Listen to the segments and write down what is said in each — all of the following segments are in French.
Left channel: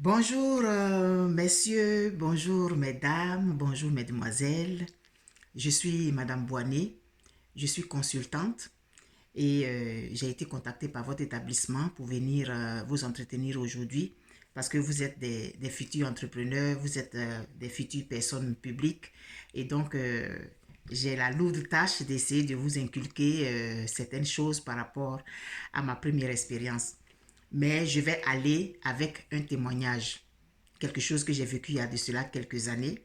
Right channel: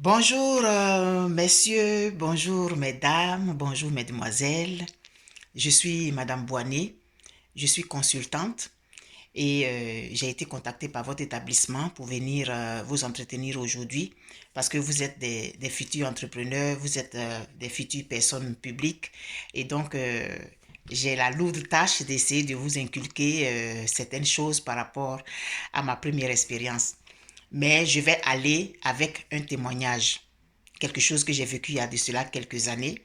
Bonjour messieurs, bonjour mesdames, bonjour mesdemoiselles. Je suis Madame Boigny, je suis consultante et j'ai été contactée par votre établissement pour venir vous entretenir aujourd'hui parce que vous êtes des futurs entrepreneurs, vous êtes des futures personnes publiques et donc j'ai la lourde tâche d'essayer de vous inculquer certaines choses par rapport à ma première expérience. Mais je vais aller avec un témoignage, quelque chose que j'ai vécu il y a de cela quelques années.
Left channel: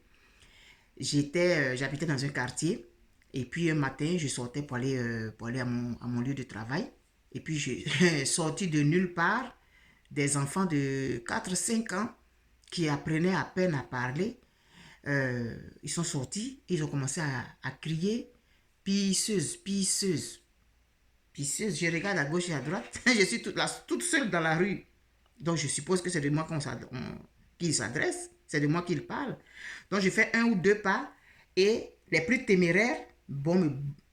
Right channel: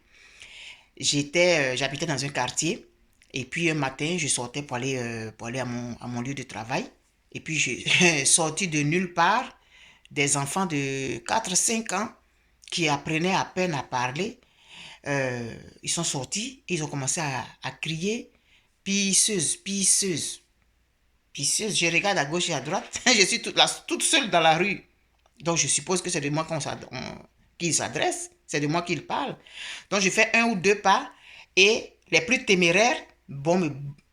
J'habitais dans un quartier et puis un matin, je sortais pour aller à mon lieu de travail. Et puis, je sorti de nulle part des enfants de 4 5 ans qui apprenaient à peine à parler. Ils sont sortis, ils ont commencé à crier pisseuse, pisseuse, pisseuse. Je regarde à gauche et à droite. Je suis toute seule dans la rue. Donc, je suppose que c'est de moi qu'il s'adresse. C'est de moi qu'il parle. Donc, je fais un ou deux pas et les plus téméraires vont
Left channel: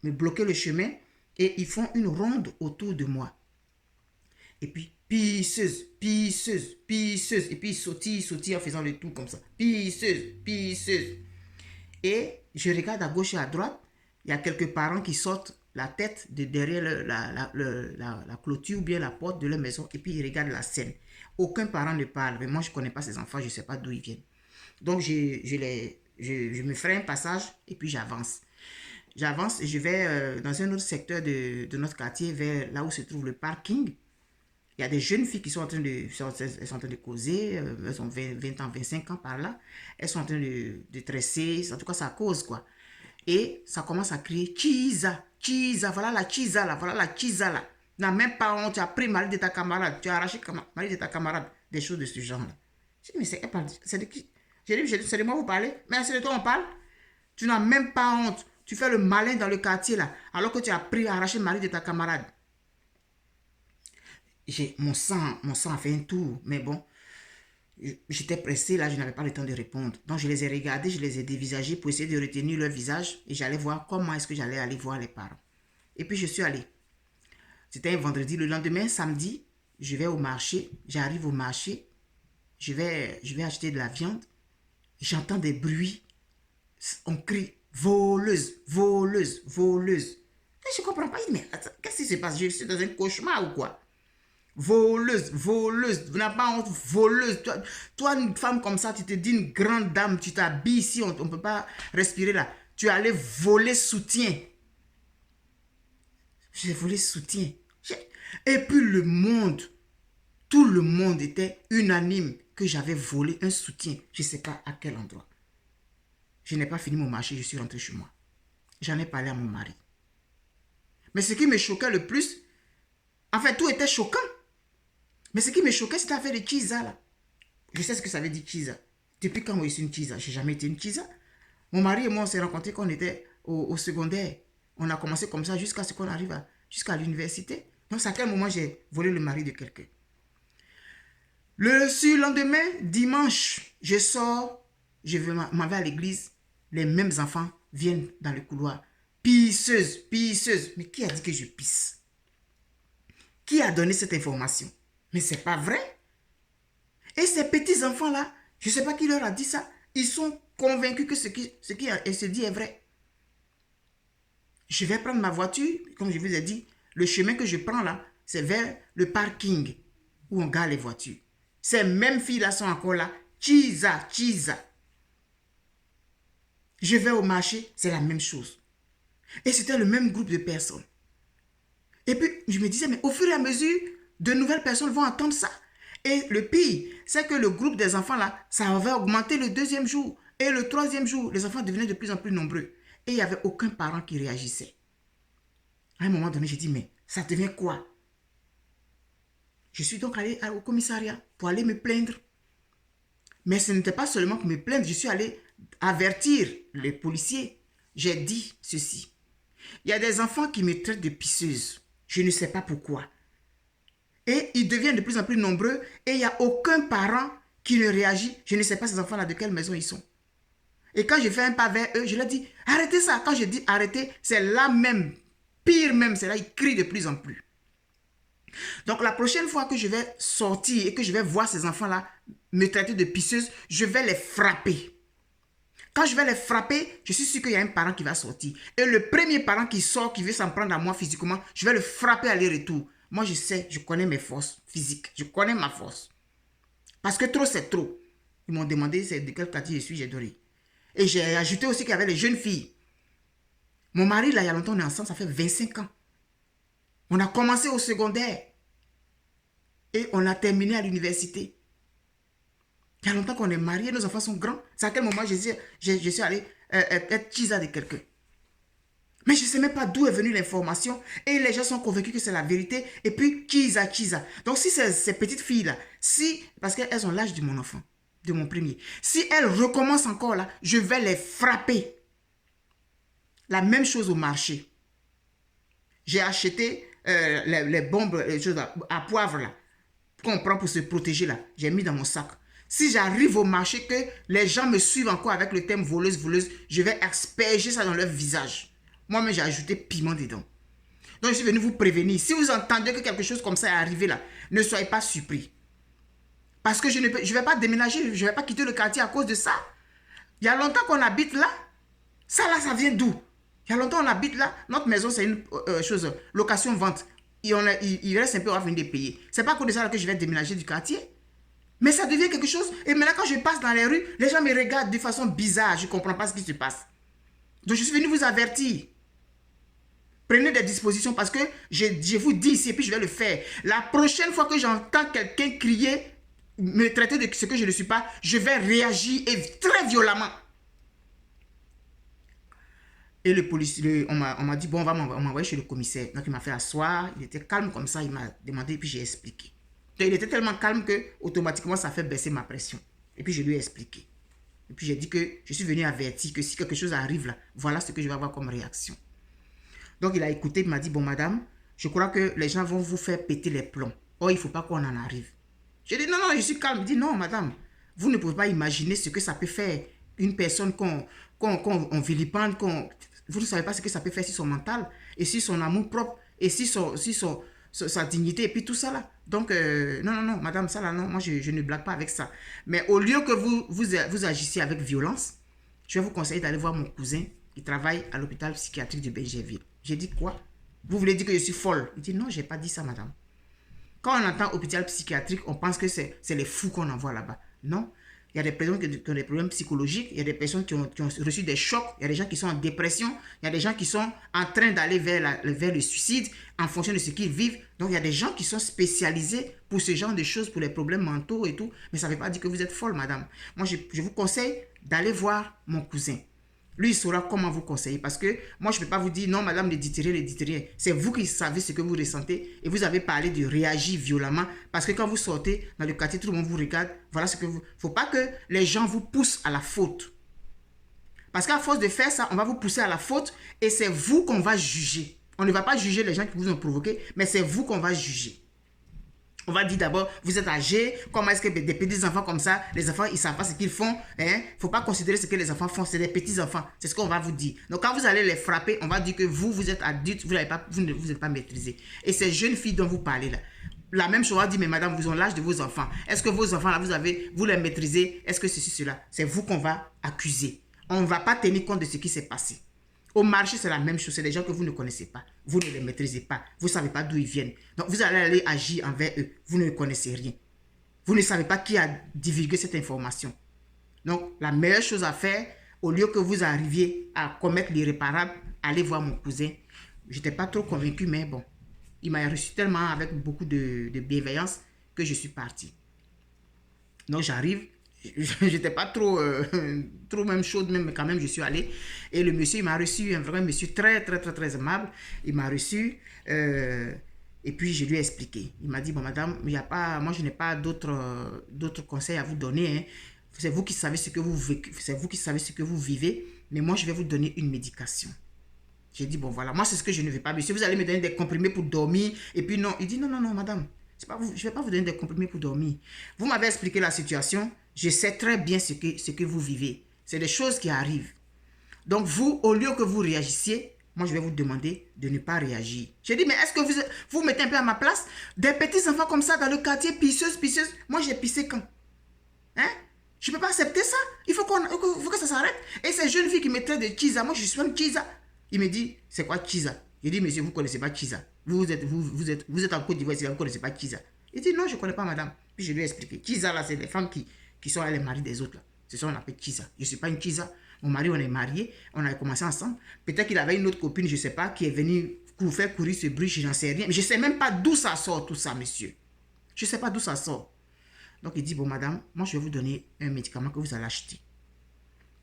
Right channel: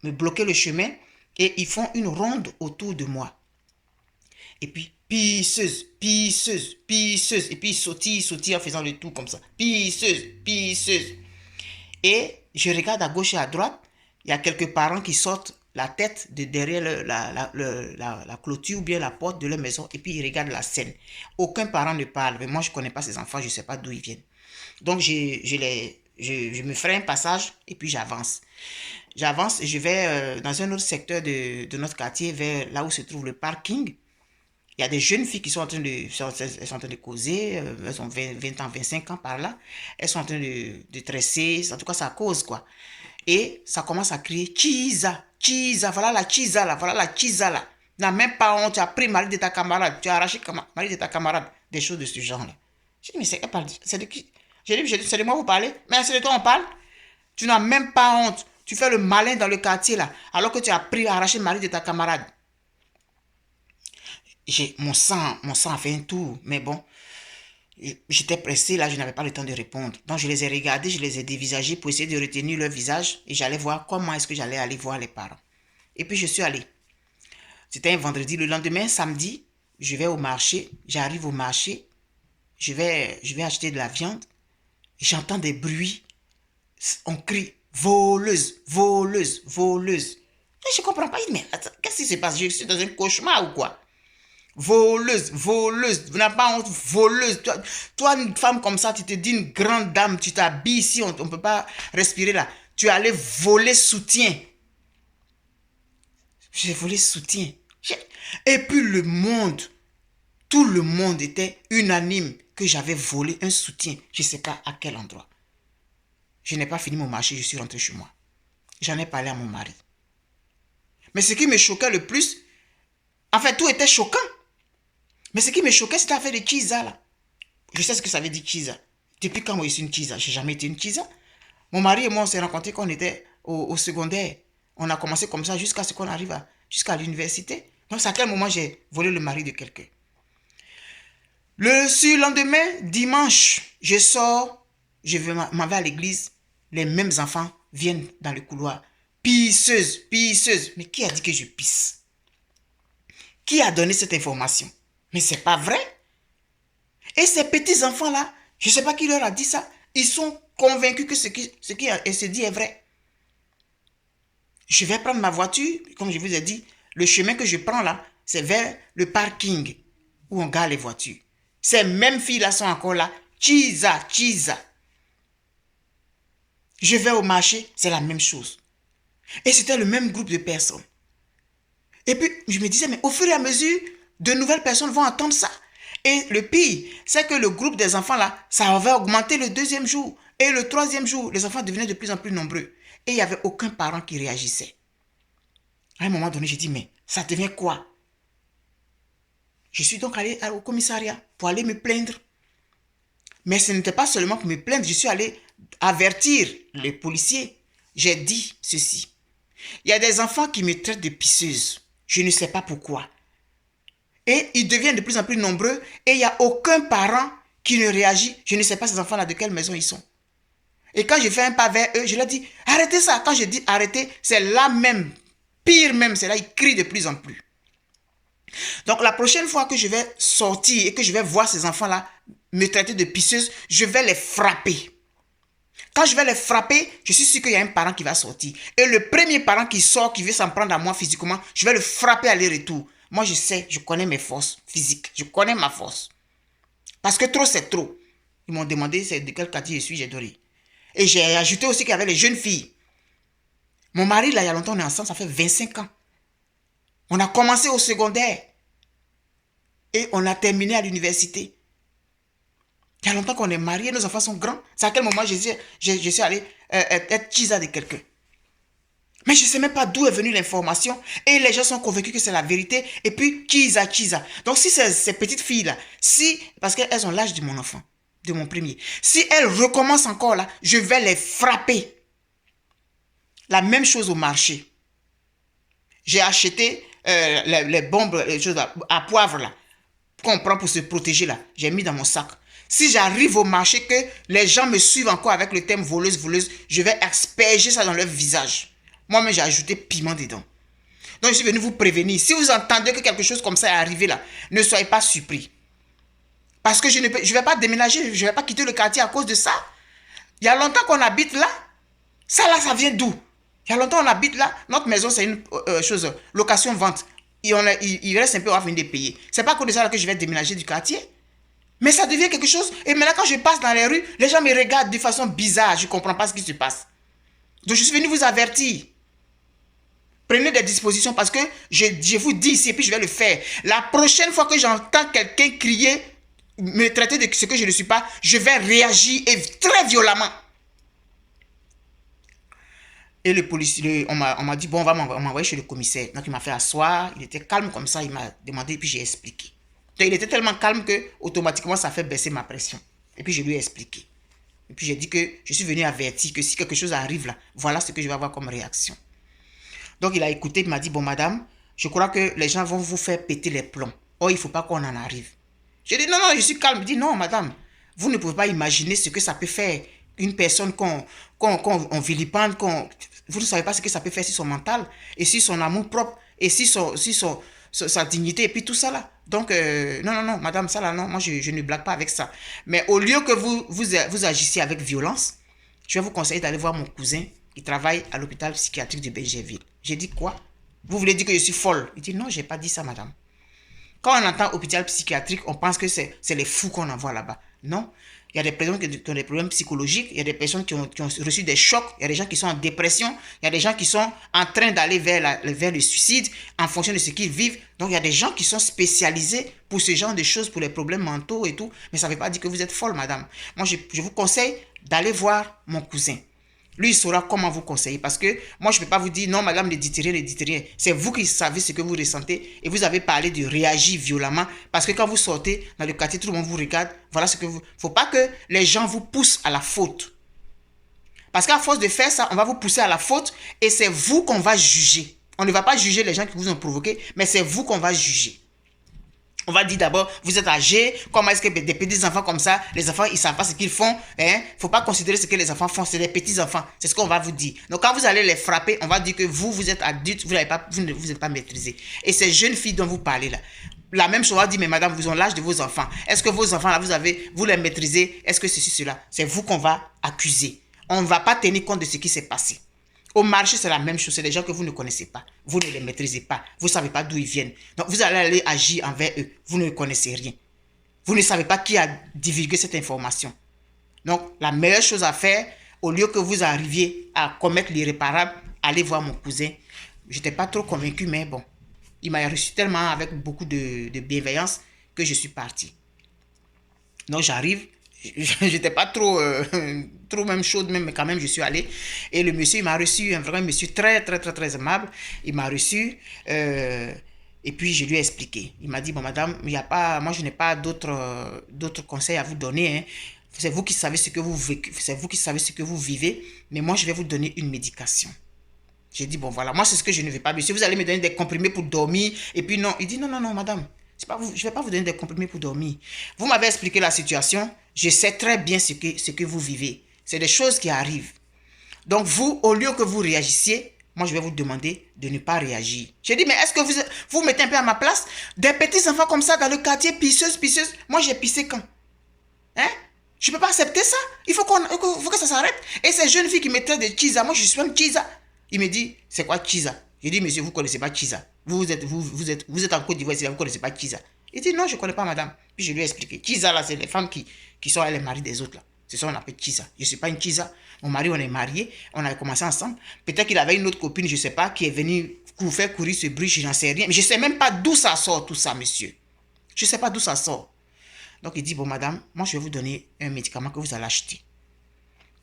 me bloquer le chemin et ils font une ronde autour de moi. Et puis, pisseuse, pisseuse, pisseuse. Et puis, ils sautillent en faisant le tour comme ça. Pisseuse, pisseuse. Et je regarde à gauche et à droite. Il y a quelques parents qui sortent la tête de derrière la clôture ou bien la porte de leur maison et puis ils regardent la scène. Aucun parent ne parle. Mais moi, je ne connais pas ces enfants, je ne sais pas d'où ils viennent. Donc, je me ferai un passage et puis j'avance. J'avance et je vais dans un autre secteur de notre quartier, vers là où se trouve le parking. Il y a des jeunes filles qui sont elles sont en train de causer, elles ont 20 ans, 25 ans par là. Elles sont en train de tresser, en tout cas, ça cause quoi. Et ça commence à crier Chisa, Chisa, voilà la Chisa là, voilà la Chisa là. Tu n'as même pas honte, tu as pris le mari de ta camarade, tu as arraché le mari de ta camarade, des choses de ce genre là. Je dis, mais c'est de qui? J'ai dit, c'est de moi vous parlez? Mais c'est de toi on parle? Tu n'as même pas honte. Tu fais le malin dans le quartier là, alors que tu as pris, arraché le mari de ta camarade. Mon sang a fait un tour, mais bon, j'étais pressé là, je n'avais pas le temps de répondre. Donc je les ai regardés, je les ai dévisagés pour essayer de retenir leur visage et j'allais voir comment est-ce que j'allais aller voir les parents. Et puis je suis allé. C'était un vendredi. Le lendemain, samedi, je vais au marché. J'arrive au marché. Je vais acheter de la viande. J'entends des bruits. On crie voleuse, voleuse, voleuse. Et je ne comprends pas. Mais qu'est-ce qui se passe? Je suis dans un cauchemar ou quoi? Voleuse, voleuse, vous n'avez pas honte, voleuse. Toi, une femme comme ça, tu te dis une grande dame, tu t'habilles ici, on ne peut pas respirer là. Tu es allé voler soutien. J'ai volé soutien. Et puis tout le monde était unanime que j'avais volé un soutien. Je ne sais pas à quel endroit. Je n'ai pas fini mon marché, je suis rentré chez moi. J'en ai parlé à mon mari. Mais ce qui me choquait le plus, en fait, tout était choquant. Mais ce qui me choquait, c'était l'affaire de Chisa là. Je sais ce que ça veut dire Chisa. Depuis quand moi je suis une Chisa? J'ai jamais été une Chisa. Mon mari et moi, on s'est rencontrés quand on était au secondaire. On a commencé comme ça jusqu'à ce qu'on arrive jusqu'à l'université. Donc, c'est à quel moment j'ai volé le mari de quelqu'un. Le surlendemain, dimanche, je sors, m'en vais à l'église. Les mêmes enfants viennent dans le couloir. Pisseuse, pisseuse. Mais qui a dit que je pisse? Qui a donné cette information? Mais c'est pas vrai. Et ces petits enfants-là, je ne sais pas qui leur a dit ça, ils sont convaincus que ce qui se dit est vrai. Je vais prendre ma voiture, comme je vous ai dit, le chemin que je prends là, c'est vers le parking où on gare les voitures. Ces mêmes filles-là sont encore là. Chisa, chisa. Je vais au marché, c'est la même chose. Et c'était le même groupe de personnes. Et puis, je me disais, mais au fur et à mesure, de nouvelles personnes vont entendre ça. Et le pire, c'est que le groupe des enfants là, ça avait augmenté le deuxième jour. Et le troisième jour, les enfants devenaient de plus en plus nombreux. Et il n'y avait aucun parent qui réagissait. À un moment donné, j'ai dit, mais ça devient quoi? Je suis donc allé au commissariat pour aller me plaindre. Mais ce n'était pas seulement pour me plaindre, je suis allé avertir les policiers. J'ai dit ceci. Il y a des enfants qui me traitent de pisseuse. Je ne sais pas pourquoi. Et ils deviennent de plus en plus nombreux et il n'y a aucun parent qui ne réagit. Je ne sais pas ces enfants-là de quelle maison ils sont. Et quand je fais un pas vers eux, je leur dis arrêtez ça. Quand je dis arrêtez, c'est là même, pire même, c'est là, ils crient de plus en plus. Donc, la prochaine fois que je vais sortir et que je vais voir ces enfants-là me traiter de pisseuse, je vais les frapper. Quand je vais les frapper, je suis sûr qu'il y a un parent qui va sortir. Et le premier parent qui sort, qui veut s'en prendre à moi physiquement, je vais le frapper aller-retour. Moi, je sais, je connais mes forces physiques. Je connais ma force. Parce que trop, c'est trop. Ils m'ont demandé de quel quartier je suis, j'ai donné. Et j'ai ajouté aussi qu'il y avait les jeunes filles. Mon mari, là, il y a longtemps, on est ensemble, ça fait 25 ans. On a commencé au secondaire. Et on a terminé à l'université. Il y a longtemps qu'on est mariés, nos enfants sont grands. C'est à quel moment je suis allé être chisa de quelqu'un. Mais je ne sais même pas d'où est venue l'information. Et les gens sont convaincus que c'est la vérité. Et puis, chisa. Donc, si ces petites filles-là, parce qu'elles ont l'âge de mon enfant, de mon premier, si elles recommencent encore là, je vais les frapper. La même chose au marché. J'ai acheté les bombes, les choses à poivre là, qu'on prend pour se protéger là. J'ai mis dans mon sac. Si j'arrive au marché que les gens me suivent encore avec le thème voleuse, je vais asperger ça dans leur visage. Moi-même, j'ai ajouté piment dedans. Donc, je suis venu vous prévenir. Si vous entendez que quelque chose comme ça est arrivé là, ne soyez pas surpris. Parce que je ne vais pas déménager, je ne vais pas quitter le quartier à cause de ça. Il y a longtemps qu'on habite là. Ça là, ça vient d'où? Il y a longtemps on habite là. Notre maison, c'est une chose, location-vente. Il reste un peu, on va venir payer. C'est pas à cause de ça là que je vais déménager du quartier. Mais ça devient quelque chose. Et maintenant, quand je passe dans les rues, les gens me regardent de façon bizarre. Je ne comprends pas ce qui se passe. Donc, je suis venu vous avertir. Prenez des dispositions parce que je vous dis ici et puis je vais le faire. La prochaine fois que j'entends quelqu'un crier, me traiter de ce que je ne suis pas, je vais réagir et très violemment. Et le policier, on m'a dit, bon, on va m'envoyer chez le commissaire. Donc, il m'a fait asseoir. Il était calme comme ça. Il m'a demandé et puis j'ai expliqué. Donc, il était tellement calme que automatiquement, ça fait baisser ma pression. Et puis, je lui ai expliqué. Et puis, j'ai dit que je suis venu avertir que si quelque chose arrive là, voilà ce que je vais avoir comme réaction. Donc, il a écouté, il m'a dit, bon, madame, je crois que les gens vont vous faire péter les plombs. Oh, il ne faut pas qu'on en arrive. J'ai dit, non, je suis calme. Il dit, non, madame, vous ne pouvez pas imaginer ce que ça peut faire une personne qu'on vilipende, vous ne savez pas ce que ça peut faire sur son mental et sur son amour propre et sur sa dignité et puis tout ça là. Donc, non, madame, ça là, non, moi je ne blague pas avec ça. Mais au lieu que vous agissiez avec violence, je vais vous conseiller d'aller voir mon cousin qui travaille à l'hôpital psychiatrique de Bergerville. J'ai dit quoi? Vous voulez dire que je suis folle? Il dit non, je n'ai pas dit ça, madame. Quand on entend hôpital psychiatrique, on pense que c'est les fous qu'on envoie là-bas. Non. Il y a des personnes qui ont des problèmes psychologiques, il y a des personnes qui ont reçu des chocs, il y a des gens qui sont en dépression, il y a des gens qui sont en train d'aller vers le suicide en fonction de ce qu'ils vivent. Donc, il y a des gens qui sont spécialisés pour ce genre de choses, pour les problèmes mentaux et tout. Mais ça ne veut pas dire que vous êtes folle, madame. Moi, je vous conseille d'aller voir mon cousin. Lui, il saura comment vous conseiller. Parce que moi, je ne peux pas vous dire, non, madame, ne dites rien. C'est vous qui savez ce que vous ressentez. Et vous avez parlé de réagir violemment. Parce que quand vous sortez dans le quartier, tout le monde vous regarde. Voilà ce que vous... Il ne faut pas que les gens vous poussent à la faute. Parce qu'à force de faire ça, on va vous pousser à la faute. Et c'est vous qu'on va juger. On ne va pas juger les gens qui vous ont provoqué. Mais c'est vous qu'on va juger. On va dire d'abord, vous êtes âgé, comment est-ce que des petits enfants comme ça, les enfants, ils ne savent pas ce qu'ils font. Il ne faut pas considérer ce que les enfants font, c'est des petits enfants. C'est ce qu'on va vous dire. Donc, quand vous allez les frapper, on va dire que vous êtes adulte, vous ne vous êtes pas maîtrisé. Et ces jeunes filles dont vous parlez là, la même chose, on va dire, mais madame, vous avez l'âge de vos enfants. Est-ce que vos enfants là, vous les maîtrisez? Est-ce que ceci, cela? C'est vous qu'on va accuser. On ne va pas tenir compte de ce qui s'est passé. Au marché, c'est la même chose. C'est des gens que vous ne connaissez pas. Vous ne les maîtrisez pas. Vous ne savez pas d'où ils viennent. Donc, vous allez aller agir envers eux. Vous ne connaissez rien. Vous ne savez pas qui a divulgué cette information. Donc, la meilleure chose à faire, au lieu que vous arriviez à commettre l'irréparable, allez voir mon cousin. Je n'étais pas trop convaincu, mais bon. Il m'a reçu tellement avec beaucoup de bienveillance que je suis parti. Donc, j'arrive. J'étais pas trop même chaude, mais quand même, je suis allé. Et le monsieur, il m'a reçu, un vrai monsieur très aimable. Il m'a reçu. Et puis, je lui ai expliqué. Il m'a dit, bon, madame, moi, je n'ai pas d'autres conseils à vous donner. Hein. C'est vous qui savez ce que vous vivez. Mais moi, je vais vous donner une médication. J'ai dit, bon, voilà, moi, c'est ce que je ne veux pas. Monsieur, vous allez me donner des comprimés pour dormir. Et puis, non. Il dit, non, madame. Je ne vais pas vous donner des comprimés pour dormir. Vous m'avez expliqué la situation. Je sais très bien ce que vous vivez. C'est des choses qui arrivent. Donc vous, au lieu que vous réagissiez, moi, je vais vous demander de ne pas réagir. J'ai dit, mais est-ce que vous mettez un peu à ma place? Des petits enfants comme ça dans le quartier, pisseuses. Moi, j'ai pissé quand? Hein? Je ne peux pas accepter ça. Il faut que ça s'arrête. Et ces jeunes filles qui me traitent de Chiza, moi, je suis même Chiza. Il me dit, c'est quoi Chiza? J'ai dit, monsieur, vous ne connaissez pas Chiza. Vous êtes en Côte d'Ivoire, vous ne connaissez pas Chiza. Il dit, non, je ne connais pas, madame. Puis je lui ai expliqué. Chiza, là, c'est les femmes qui sont les maris des autres, là. C'est ça qu'on appelle Chiza. Je ne suis pas une Chiza. Mon mari, on est mariés. On a commencé ensemble. Peut-être qu'il avait une autre copine, je ne sais pas, qui est venue faire courir ce bruit, je n'en sais rien. Mais je ne sais même pas d'où ça sort, tout ça, monsieur. Je ne sais pas d'où ça sort. Donc, il dit, bon, madame, moi, je vais vous donner un médicament que vous allez acheter.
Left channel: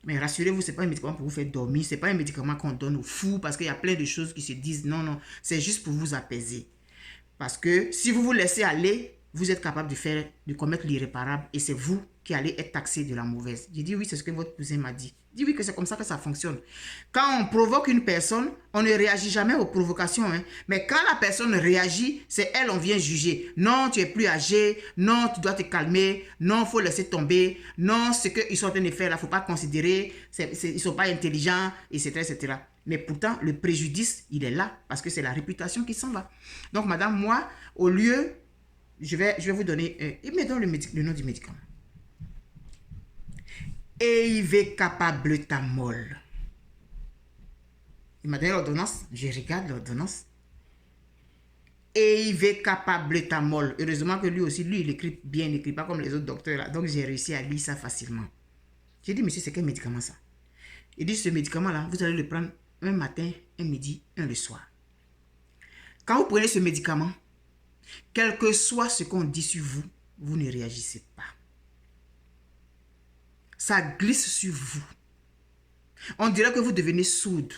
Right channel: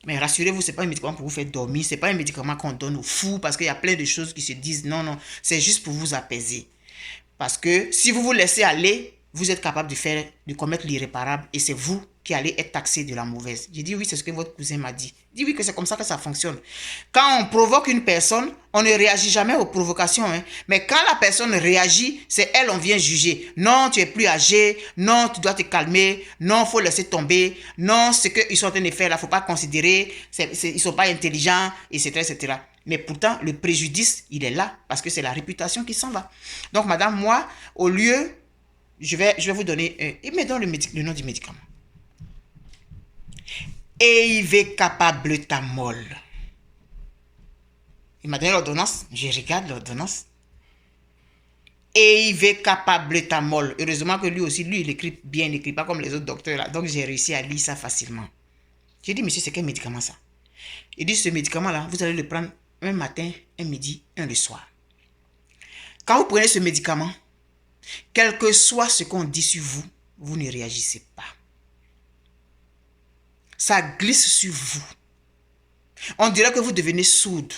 Mais rassurez-vous, ce n'est pas un médicament pour vous faire dormir. Ce n'est pas un médicament qu'on donne aux fous parce qu'il y a plein de choses qui se disent, non, non, c'est juste pour vous apaiser. Parce que si vous vous laissez aller, vous êtes capable de commettre l'irréparable et c'est vous qui allez être taxé de la mauvaise. J'ai dit oui, c'est ce que votre cousin m'a dit. Il dit oui, que c'est comme ça que ça fonctionne. Quand on provoque une personne, on ne réagit jamais aux provocations. Hein. Mais quand la personne réagit, c'est elle, on vient juger. Non, tu es plus âgé. Non, tu dois te calmer. Non, il faut laisser tomber. Non, ce qu'ils sont en train de faire là, il ne faut pas considérer. Ils ne sont pas intelligents, etc., etc. Mais pourtant, le préjudice, il est là parce que c'est la réputation qui s'en va. Donc, madame, moi, au lieu, je vais vous donner, il me donne le nom du médicament. Eivecapabletamol. Il m'a donné l'ordonnance. Je regarde l'ordonnance. Eivecapabletamol. Heureusement que lui aussi, il écrit bien, il n'écrit pas comme les autres docteurs là. Donc, j'ai réussi à lire ça facilement. J'ai dit, monsieur, c'est quel médicament ça? Il dit, ce médicament-là, vous allez le prendre un matin, un midi, un le soir. Quand vous prenez ce médicament, quel que soit ce qu'on dit sur vous, vous ne réagissez pas. Ça glisse sur vous. On dirait que vous devenez sourde.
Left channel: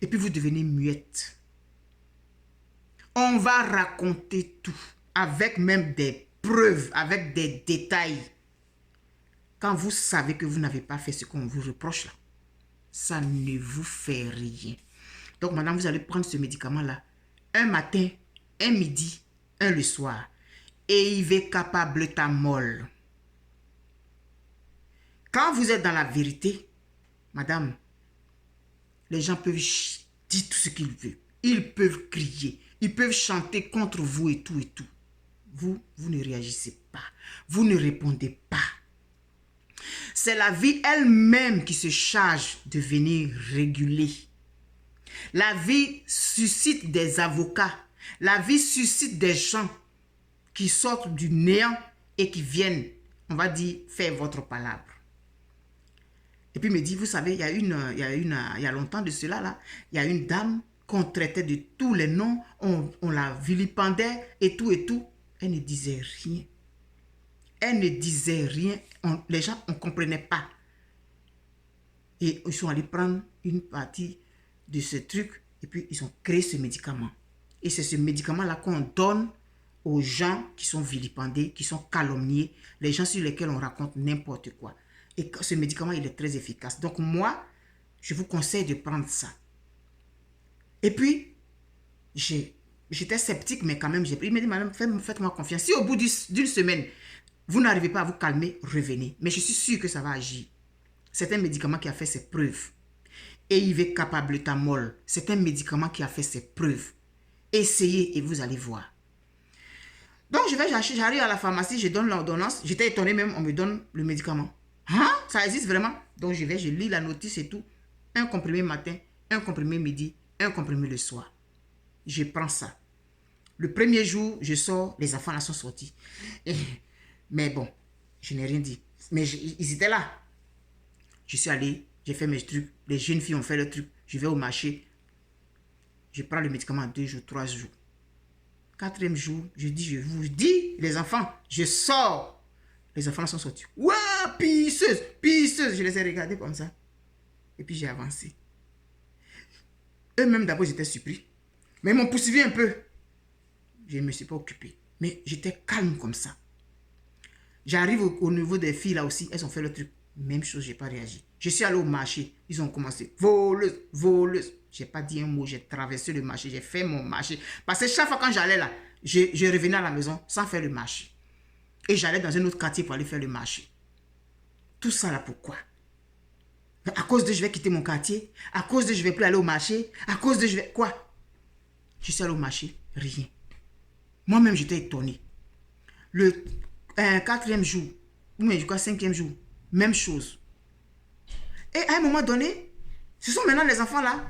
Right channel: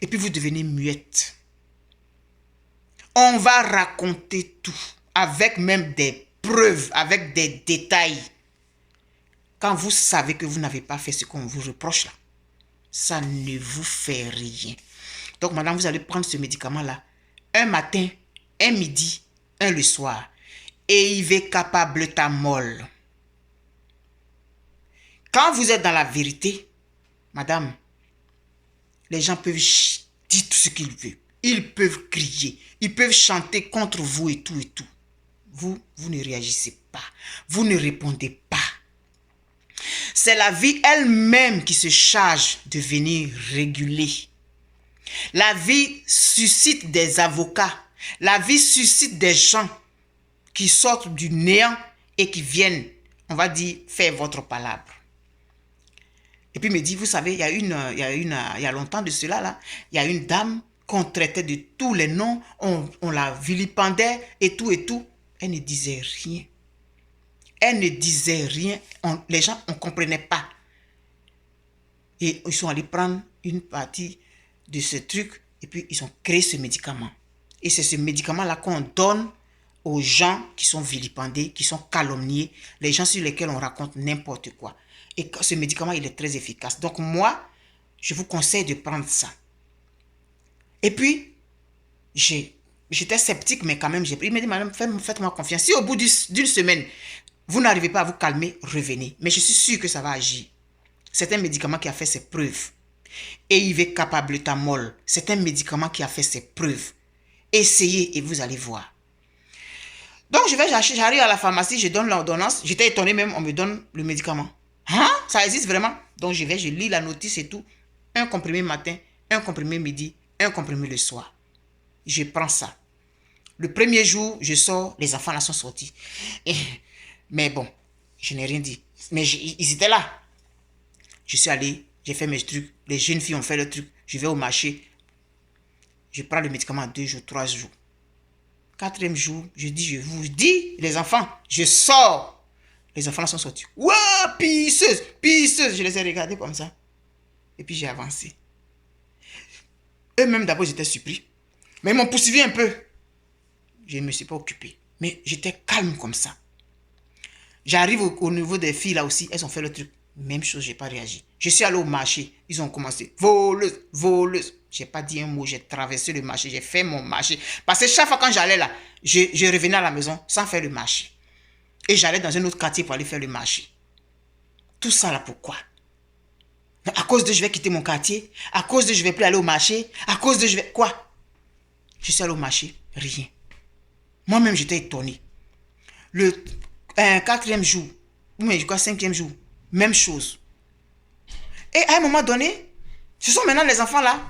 Et puis vous devenez muette. On va raconter tout. Avec même des preuves, avec des détails. Quand vous savez que vous n'avez pas fait ce qu'on vous reproche là, ça ne vous fait rien. Donc madame, vous allez prendre ce médicament-là. Un matin, un midi, un le soir. Eivecapabletamol. Quand vous êtes dans la vérité, madame, les gens peuvent dire tout ce qu'ils veulent. Ils peuvent crier. Ils peuvent chanter contre vous et tout et tout. Vous ne réagissez pas. Vous ne répondez pas. C'est la vie elle-même qui se charge de venir réguler. La vie suscite des avocats. La vie suscite des gens qui sortent du néant et qui viennent, on va dire, faire votre palabre. Et puis il me dit, vous savez, il y a longtemps de cela, là, il y a une dame qu'on traitait de tous les noms, on la vilipendait et tout et tout. Elle ne disait rien. Elle ne disait rien. Les gens, on ne comprenait pas. Et ils sont allés prendre une partie de ce truc et puis ils ont créé ce médicament. Et c'est ce médicament-là qu'on donne aux gens qui sont vilipendés, qui sont calomniés, les gens sur lesquels on raconte n'importe quoi. Et ce médicament, il est très efficace. Donc moi, je vous conseille de prendre ça. Et puis, j'étais sceptique, mais quand même, j'ai pris. Il m'a dit, madame, faites-moi confiance. Si au bout d'une semaine, vous n'arrivez pas à vous calmer, revenez. Mais je suis sûr que ça va agir. C'est un médicament qui a fait ses preuves. Eivecapabletamol, c'est un médicament qui a fait ses preuves. Essayez et vous allez voir. Donc, j'arrive à la pharmacie, je donne l'ordonnance. J'étais étonné même, on me donne le médicament. Hein? Ça existe vraiment? Donc, je lis la notice et tout. Un comprimé matin, un comprimé midi, un comprimé le soir. Je prends ça. Le premier jour, je sors, les enfants là sont sortis. Mais bon, je n'ai rien dit. Mais ils étaient là. Je suis allé, j'ai fait mes trucs. Les jeunes filles ont fait le truc. Je vais au marché. Je prends le médicament 2 jours, 3 jours. 4e jour, je vous dis, les enfants, je sors. Les enfants là sont sortis. Ouah, pisseuse, pisseuse. Je les ai regardés comme ça. Et puis j'ai avancé. Eux-mêmes, d'abord, j'étais surpris. Mais ils m'ont poursuivi un peu. Je ne me suis pas occupé. Mais j'étais calme comme ça. J'arrive au niveau des filles là aussi. Elles ont fait le truc. Même chose, je n'ai pas réagi. Je suis allé au marché. Ils ont commencé. Voleuse, voleuse. Je n'ai pas dit un mot. J'ai traversé le marché. J'ai fait mon marché. Parce que chaque fois quand j'allais là, je revenais à la maison sans faire le marché. Et j'allais dans un autre quartier pour aller faire le marché. Tout ça là, pourquoi? À cause de je vais quitter mon quartier, à cause de je vais plus aller au marché, à cause de je vais... Quoi? Je suis allé au marché, rien. Moi-même, j'étais étonné. Le quatrième jour, ou je crois cinquième jour, même chose. Et à un moment donné, ce sont maintenant les enfants là.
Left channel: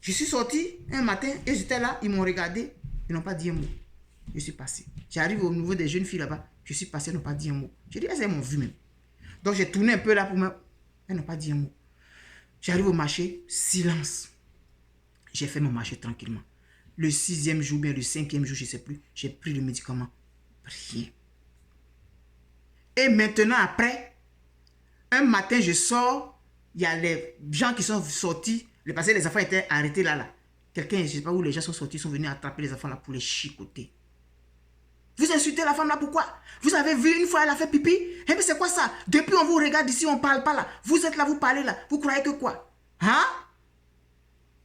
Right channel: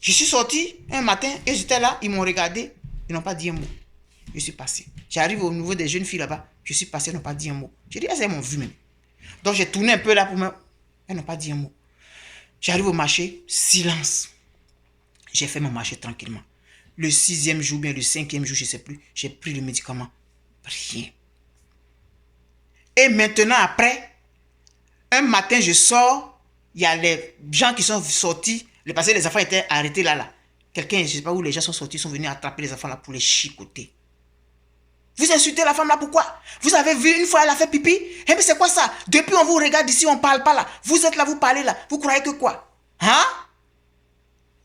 Je suis sorti un matin et j'étais là, ils m'ont regardé, ils n'ont pas dit un mot. Je suis passé. J'arrive au niveau des jeunes filles là-bas, je suis passé, ils n'ont pas dit un mot. J'ai dit, elles m'ont vu même. Donc j'ai tourné un peu là pour me... Elles n'ont pas dit un mot. J'arrive au marché, silence. J'ai fait mon marché tranquillement. Le sixième jour, bien le cinquième jour, je ne sais plus, j'ai pris le médicament. Rien. Et maintenant, après, un matin, je sors, il y a les gens qui sont sortis, parce que les enfants étaient arrêtés là. Quelqu'un, je ne sais pas où les gens sont sortis, sont venus attraper les enfants là pour les chicoter. Vous insultez la femme là, pourquoi? Vous avez vu une fois, elle a fait pipi? Eh mais c'est quoi ça? Depuis on vous regarde ici, on ne parle pas là. Vous êtes là, vous parlez là. Vous croyez que quoi? Hein?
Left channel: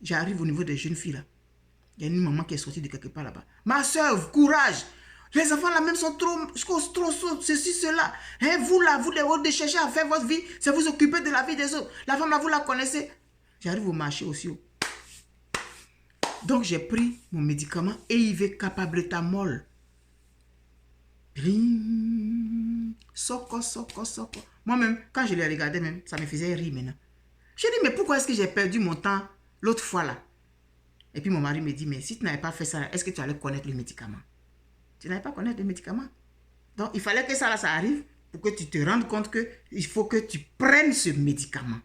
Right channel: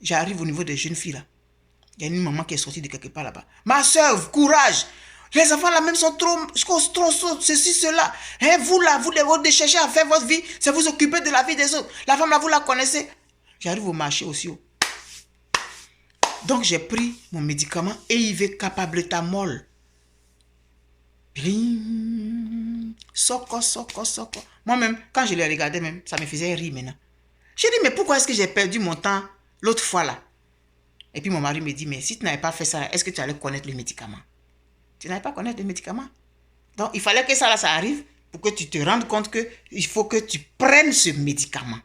J'arrive au niveau des jeunes filles là. Il y a une maman qui est sortie de quelque part là-bas. Ma soeur, courage. Les enfants là même sont trop ceci, cela. Hein, vous là, vous cherchez à faire votre vie, c'est vous occuper de la vie des autres. La femme là, vous la connaissez. J'arrive au marché aussi. Donc j'ai pris mon médicament EIV Capabletamol. Soko. Moi-même, quand je les regardais même, ça me faisait rire maintenant. J'ai dit, mais pourquoi est-ce que j'ai perdu mon temps l'autre fois là? Et puis mon mari me dit, mais si tu n'avais pas fait ça, est-ce que tu allais connaître le médicament? Tu n'allais pas connaître le médicament. Donc il fallait que ça là, ça arrive pour que tu te rendes compte qu'il faut que tu prennes ce médicament.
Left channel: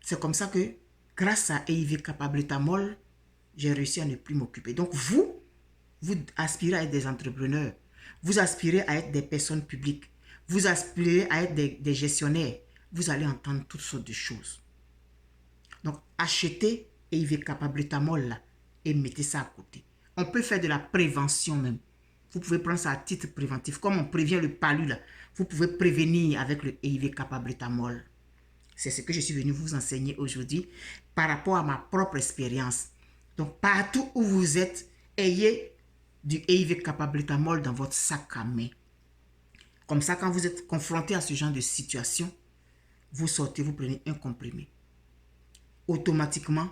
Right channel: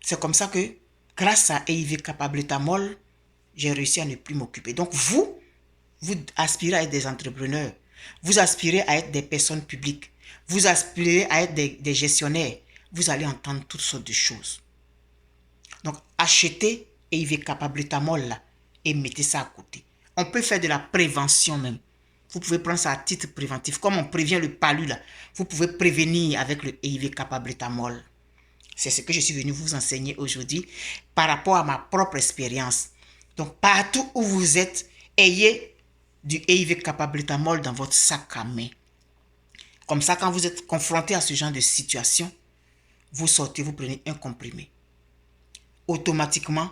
C'est comme ça que, grâce à EIV Capabletamol, j'ai réussi à ne plus m'occuper. Donc vous aspirez à être des entrepreneurs, vous aspirez à être des personnes publiques, vous aspirez à être des gestionnaires, vous allez entendre toutes sortes de choses. Donc, achetez EIV Capabletamol là et mettez ça à côté. On peut faire de la prévention même. Vous pouvez prendre ça à titre préventif. Comme on prévient le palu là, vous pouvez prévenir avec le EIV Capabletamol. C'est ce que je suis venu vous enseigner aujourd'hui par rapport à ma propre expérience. Donc, partout où vous êtes, ayez du EIV Capabletamol dans votre sac à main. Comme ça, quand vous êtes confronté à ce genre de situation, vous sortez, vous prenez un comprimé. Automatiquement,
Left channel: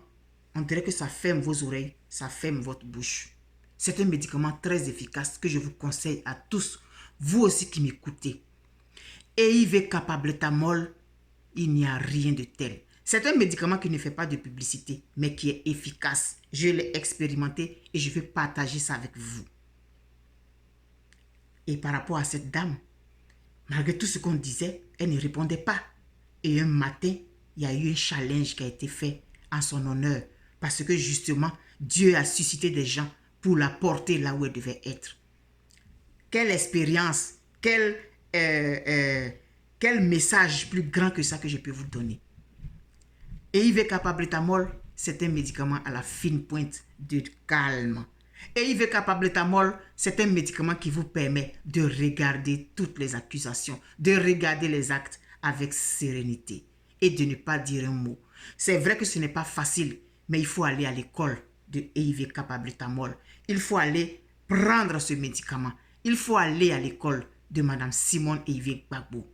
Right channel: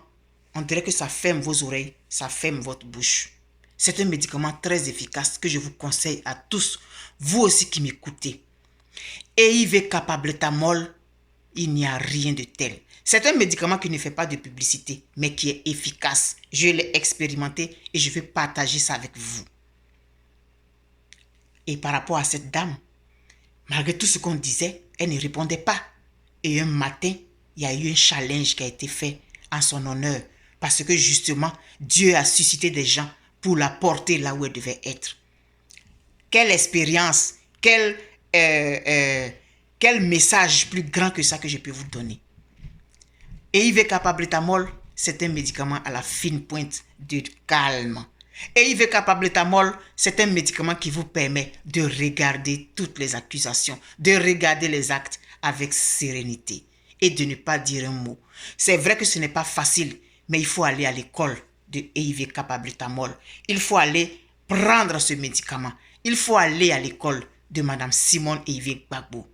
on dirait que ça ferme vos oreilles, ça ferme votre bouche. C'est un médicament très efficace que je vous conseille à tous, vous aussi qui m'écoutez. EIV Capabletamol, il n'y a rien de tel. C'est un médicament qui ne fait pas de publicité, mais qui est efficace. Je l'ai expérimenté et je vais partager ça avec vous. Et par rapport à cette dame, malgré tout ce qu'on disait, elle ne répondait pas. Et un matin, il y a eu un challenge qui a été fait en son honneur. Parce que justement, Dieu a suscité des gens pour la porter là où elle devait être. Quelle expérience, quel message plus grand que ça que je peux vous donner. EIV Capabletamol, c'est un médicament à la fine pointe de calme. EIV Capabletamol, c'est un médicament qui vous permet de regarder toutes les accusations, de regarder les actes avec sérénité et de ne pas dire un mot. C'est vrai que ce n'est pas facile, mais il faut aller à l'école de EIV Capabletamol. Il faut aller prendre ce médicament. Il faut aller à l'école de Madame Simone EIV Gbagbo,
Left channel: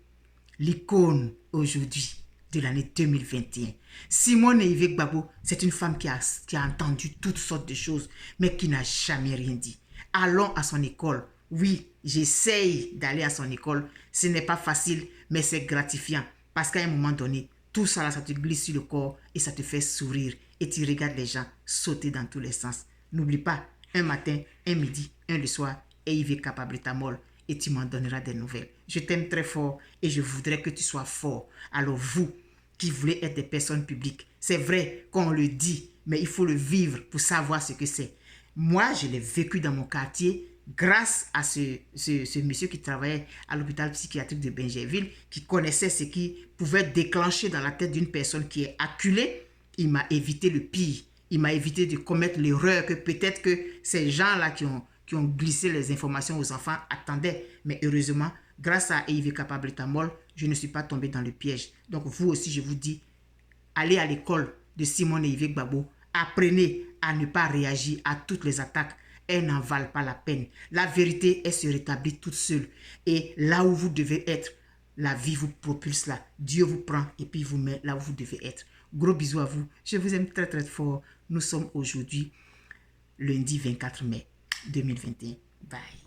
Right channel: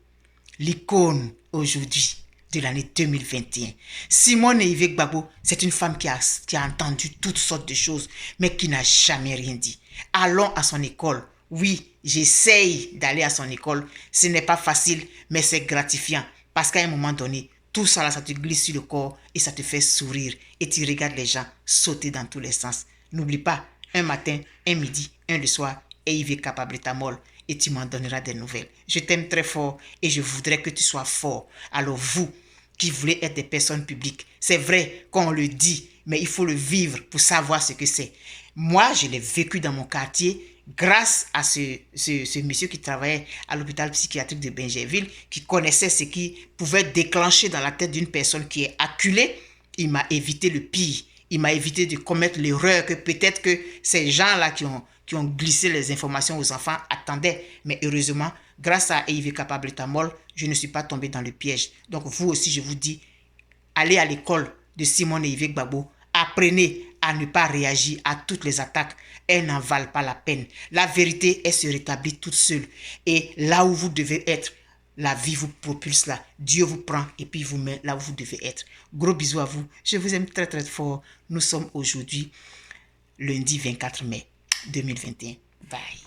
l'icône aujourd'hui de l'année 2021. Simone EIV Gbagbo, c'est une femme qui a entendu toutes sortes de choses, mais qui n'a jamais rien dit. Allons à son école. Oui, j'essaye d'aller à son école. Ce n'est pas facile, mais c'est gratifiant. Parce qu'à un moment donné, tout ça là, ça te glisse sur le corps et ça te fait sourire. Et tu regardes les gens sauter dans tous les sens. N'oublie pas, un matin, un midi, un le soir, EIV Capabletamol. Et tu m'en donneras des nouvelles. Je t'aime très fort et je voudrais que tu sois fort. Alors vous, qui voulez être des personnes publiques, c'est vrai qu'on le dit, mais il faut le vivre pour savoir ce que c'est. Moi, je l'ai vécu dans mon quartier grâce à ce monsieur qui travaillait à l'hôpital psychiatrique de Bingerville, qui connaissait ce qui pouvait déclencher dans la tête d'une personne qui est acculée. Il m'a évité le pire. Il m'a évité de commettre l'erreur que peut-être que ces gens-là qui ont glissé les informations aux enfants attendaient. Mais heureusement, grâce à EIV Capabletamol, je ne suis pas tombé dans le piège. Donc vous aussi, je vous dis, allez à l'école de Simone EIV Gbagbo. Apprenez à ne pas réagir à toutes les attaques. Elles n'en valent pas la peine. La vérité, elle se rétablit toute seule. Et là où vous devez être, La vie vous propulse là. Dieu vous prend et puis vous met là où vous devez être. Gros bisous à vous. Je vous aime très très fort. Nous sommes aujourd'hui lundi 24 mai 2021. Bye.